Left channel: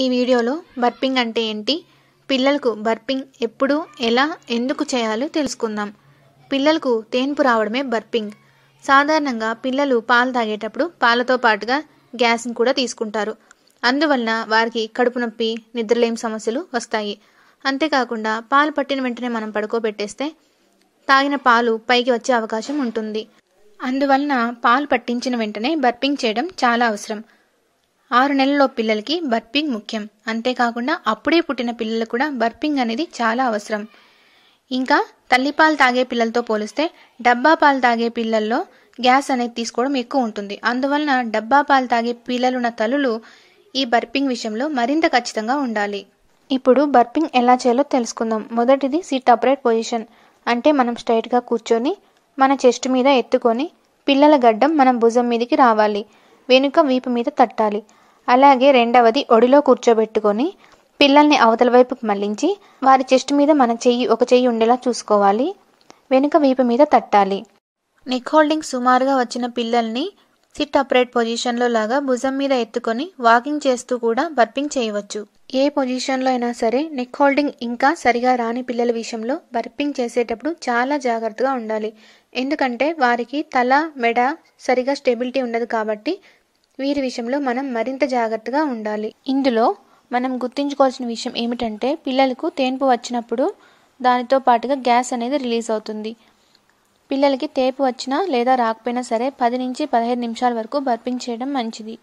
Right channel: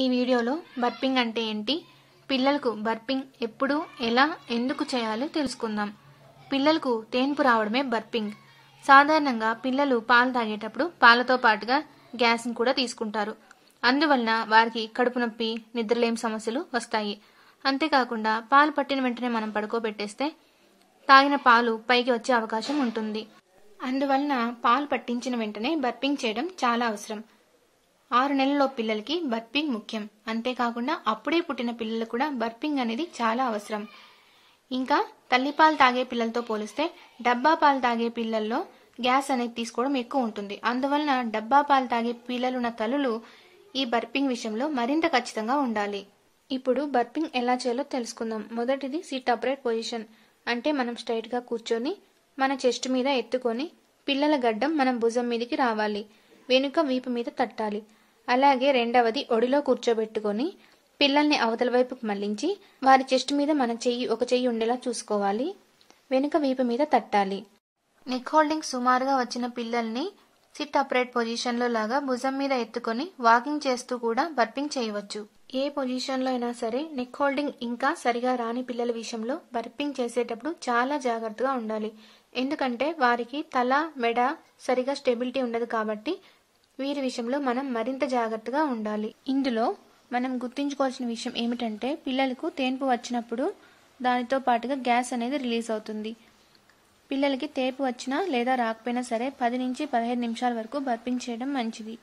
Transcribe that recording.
ఈ వీడియోలో బర్పింగ్ అంటే ఏంటి, పిల్లలకు బర్పింగ్ ఎప్పుడు, ఎలా, ఎందుకు చేయాలో తెలుసుకుందాం. పిల్లలకు తేన్పు రావడమే బర్పింగ్. సాధారణంగా పిల్లలు పాలు తాగేటప్పుడు పాలతో పాటుగా గ్యాస్ని కూడా తీసుకుంటారు. అందువలన వారికి కడుపు నొప్పి, నిద్రలేమి సమస్యలు వస్తాయి. అంతేకాకుండా పాలు పట్టిన వెంటనే మనం పడుకోబెట్టేస్తే తాగిన పాలు పైకి వచ్చే అవకాశం ఉంటుంది. అందువలన పాలు పట్టించిన వెంటనే బర్పింగ్ చేయడం చాలా అవసరం. 6 నెలల్లో పిల్లలకి బర్పింగ్ ముఖ్యం. అంతేకాకుండా అప్పుడే పుట్టిన పిల్లలకు కూడా బర్పింగ్ అనేది చాలా అవసరం. ఇంకా తల్లిపాలు తాగే పిల్లలతో పోలిస్తే డబ్బా పాలు తాగే పిల్లల్లో గ్యాస్ అనేది తీసుకోవడం ఎక్కువ ఉంటుంది. అందువలన డబ్బా పాలు తాగే పిల్లలున్న తల్లులు ఈ బర్పింగ్ విషయంలో మరింత ఖచ్చితంగా ఉండాలి. ఇప్పుడు బర్పింగ్ ఎలా చేయాలో తెలుసుకుందాం. మొదటిది సిట్ అప్రైట్ పొజిషన్. అంటే మనం స్ట్రైట్గా కూర్చొని మన చెస్ట్ మీద ఎత్తుకొని పిల్లల గడ్డం మనం భుజం మీదకి రావాలి, వెనుక వీపు మీద తట్టాలి. అలాగే రెండవది ఒడిలో కూర్చోబెట్టుకొని పిల్లల్ని అవతల వైపుకి మళ్లించి వారి చెస్ట్ మీద మన ఒక చెయ్యి ఉండేలా చూసుకోవాలి, వెనుక వీపు మీద తట్టాలి. నెక్ హోల్డింగ్ సుమారుగా వచ్చిన పిల్లల్ని సిట్ అప్రైట్ పొజిషన్లో లాగా భుజం మీద ఎత్తుకొని వాకింగ్ చేస్తూ కూడా బర్పింగ్ చేయవచ్చు. ఏ పొజిషన్లో అయినా సరే నెక్ హోల్డింగ్ ఇంకా సరిగా రాని పిల్లల విషయంలో బర్పింగ్ చేసేటప్పుడు చాలా జాగ్రత్తగా ఉండాలి. ఎందుకంటే వారికి తల, మెడ సరిగా స్టెబిలిటీ ఉండదు కాబట్టి వీరి విషయంలో మనం మరింత జాగ్రత్తగా ఉండాలి. ఇందులో మనం గుర్తుంచుకోవాల్సిన విషయం ఏమిటంటే పిల్లలకు తేన్పు వచ్చినప్పుడు దానితో పాటుగా గ్యాస్ అనేది రిలీజ్ అవుతుంది. పిల్లలకి తేపు వచ్చినా లేదా రాకపోయినా సరే 10 నుంచి 15 నిమిషాల వరకు బర్పింగ్ చేయడం మంచిది.